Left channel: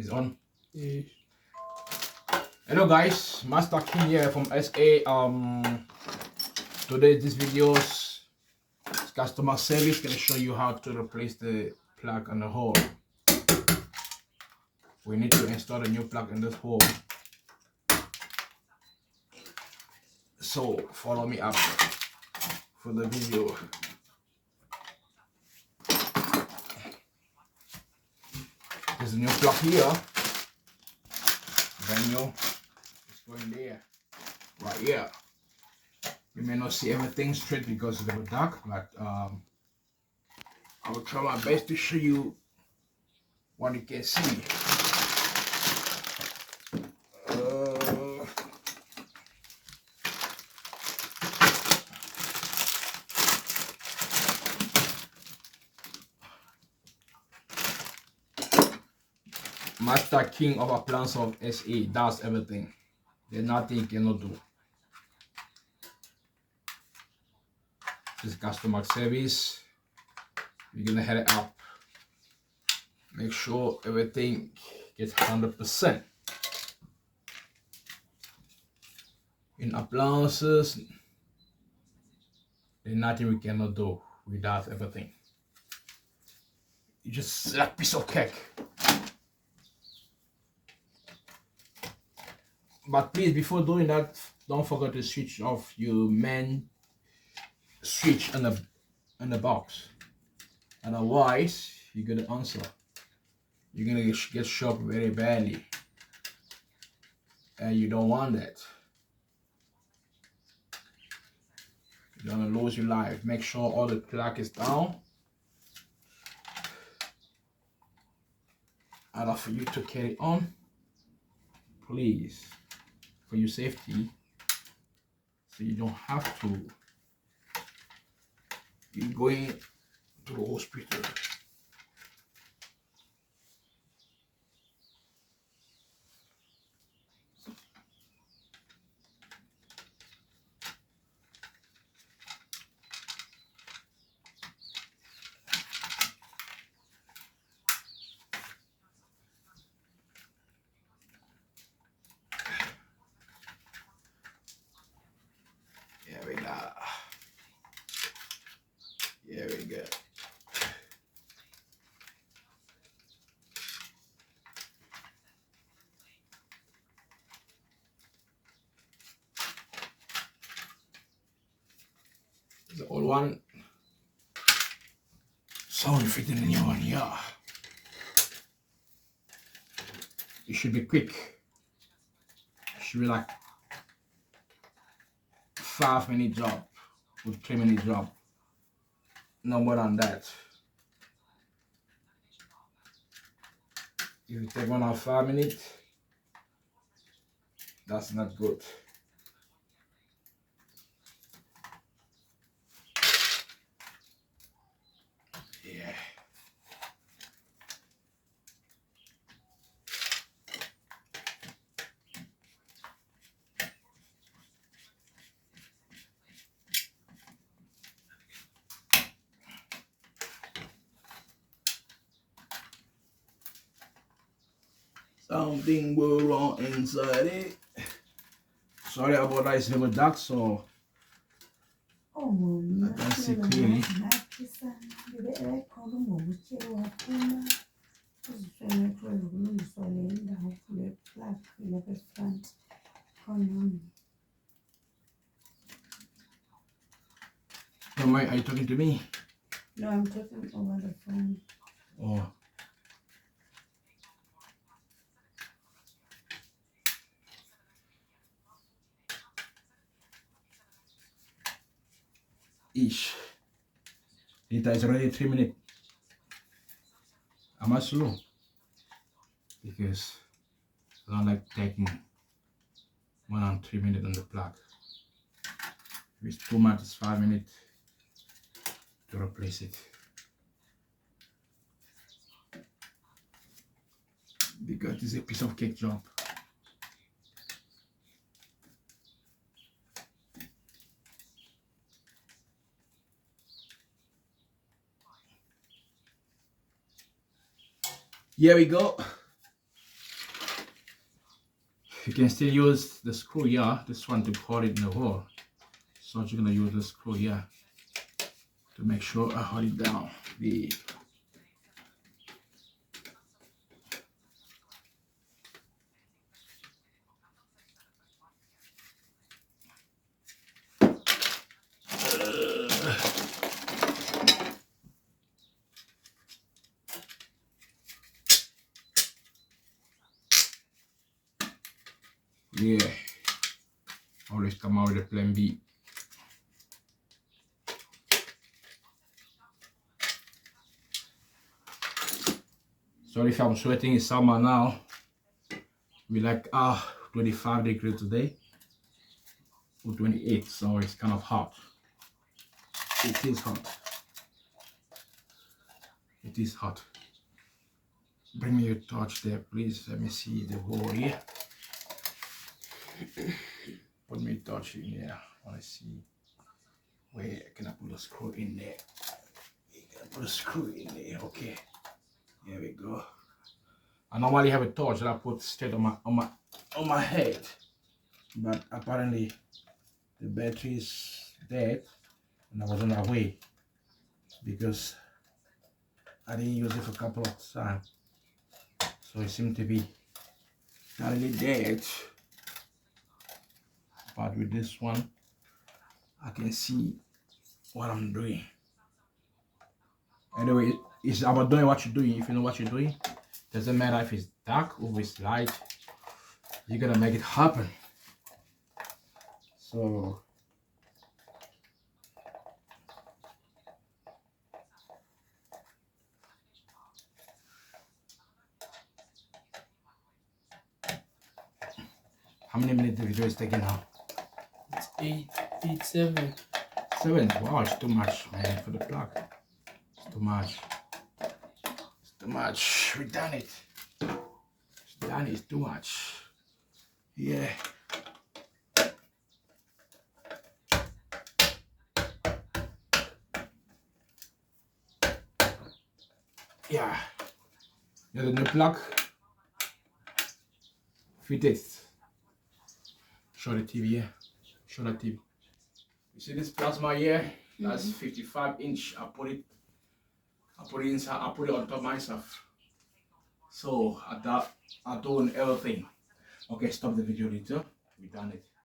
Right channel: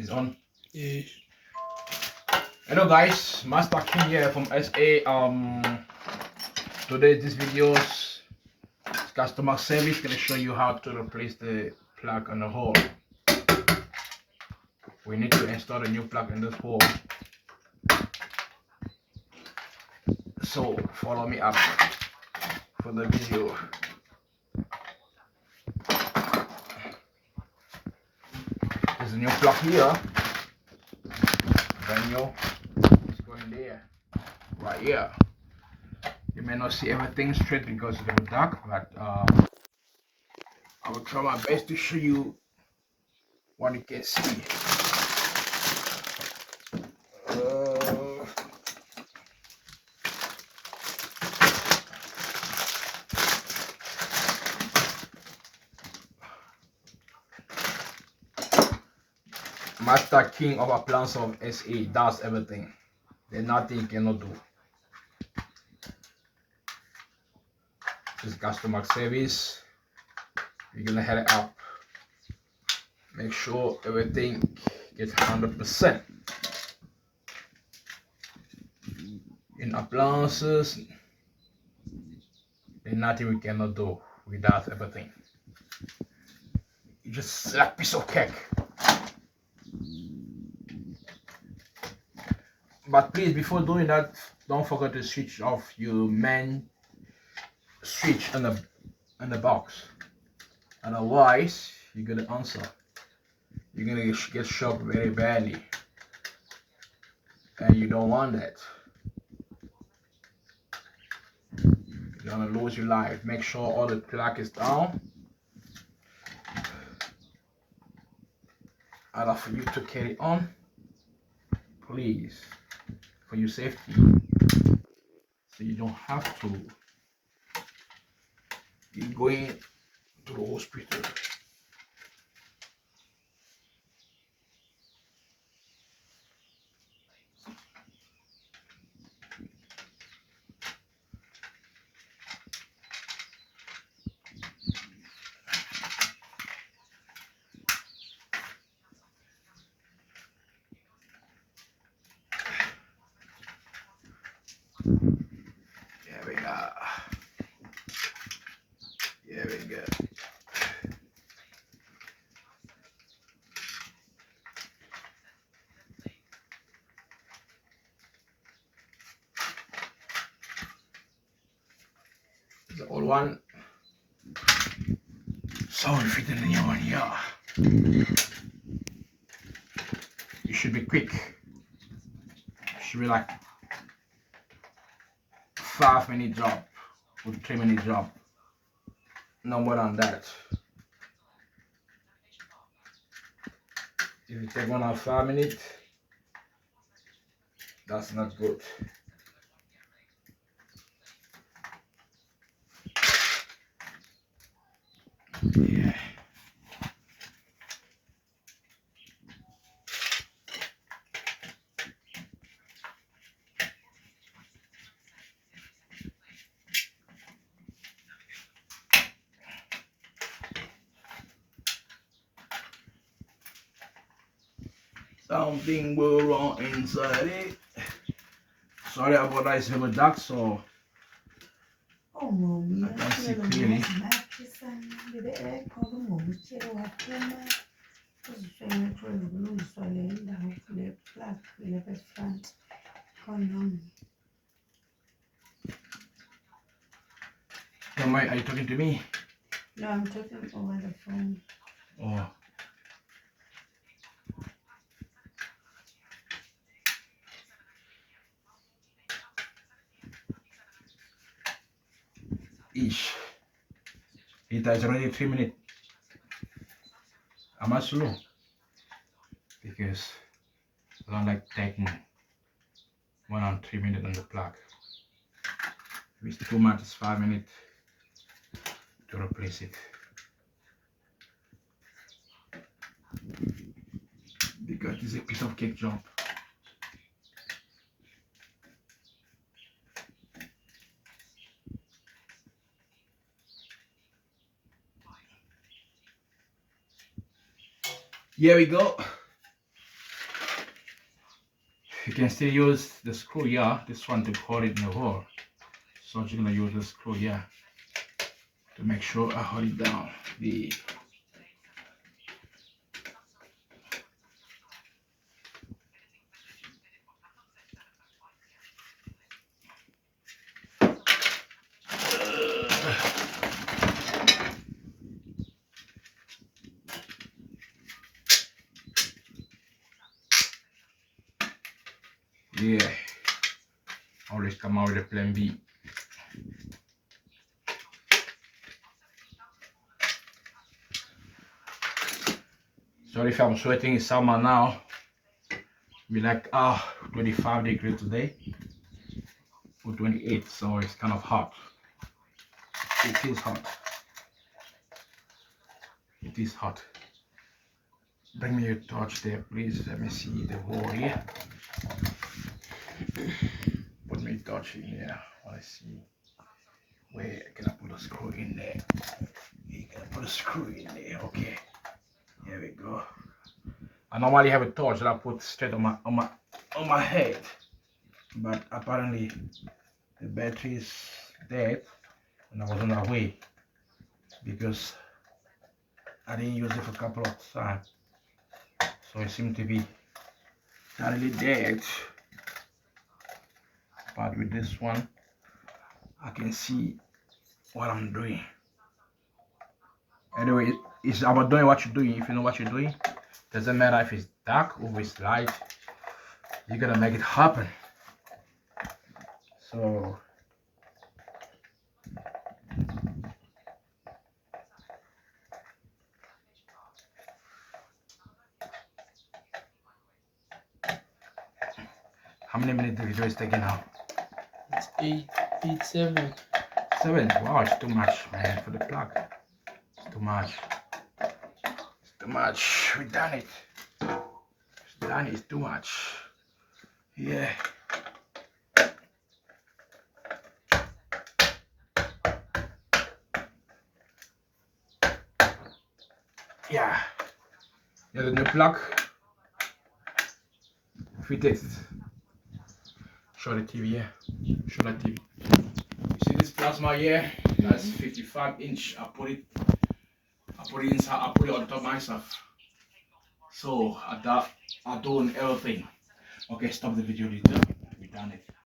It's on. Yeah. Hello guys, Master King here from SA. Today this video is customer service. Gonna show you how to replace the plug on the hole. We need to install a new plug in this hole. So follow me up for the video. There's a new plug here. Brand new. It's going there. Right here. You may not see everything straight because it's a little dark, but I will try my best to show you what you can see. Master King of Appliance of SA does everything. There's nothing you cannot do. This customer service. You're gonna head it up. Make sure everything gets 100%. In appliances, there's nothing we cannot do. We does everything. You just like piece of cake. But please, before doing that, don't forget to switch off your main switch on the box. Otherwise, you're gonna answer. You're gonna get shocked very badly, and you don't want that. You're gonna lose your life. Make sure all the plug is down. Order for you to carry on, please, for your safety, so you don't have to be going to the hospital. Here we go. Here we go. The old one. So if it's the new one here, you should be quick. It should be like 5-minute job or 3-minute job. No more than that. If you take 1 or 5 minutes, that's not good. Yeah. Something will wrong inside it. Sorry about that, it's a little dark, so I can see clearly. Are you talking to me? No, I'm talking over the phone. Oh. Ish. It is already 3 minutes. Am I slow? Because I don't like taking 1 or 3 minutes on the plug. If it's too much, it's 5 minutes to replace it. Because it's a piece of cake job. Here we go. You can still use the screw here, this one to hold it in the hole. So you're gonna use the screw here to make sure I hold it down. The yeah, always come out with a plan B. Sorry if I'm sweating, it's summer now. We like 25 degrees today or 28, so it's kind of hot. It is hot. It is hot. Bring me your torch there, please. Let me see the hole here. Put me a torch in there. I want to see where can I put a screw in there. You can put a screw in there. Okay. Here we go. I normally have a torch that I put straight on my head, but apparently the battery is dead, and I was on my way because I didn't use it for a couple of times, so it seemed to be totally dead. But with this one, I can see what I'm doing. Anyway, it's about doing what you're doing. If you know what you're doing, doesn't matter if it's dark or if it's light, you're gonna make it happen. So how many minutes the video is taking now? It's 8:07. 7. Wow, it's too much, man, for the plug. It's too much. It's too much. We done it. It's done. It's too much. Yeah. Yeah. Yeah, the new plug. Fit it. Show the TV here. Show the TV. You see this plasma here? That's 55-inch. I put it inside. I put it on top myself. So I done everything. Okay, stop the video later. We done it.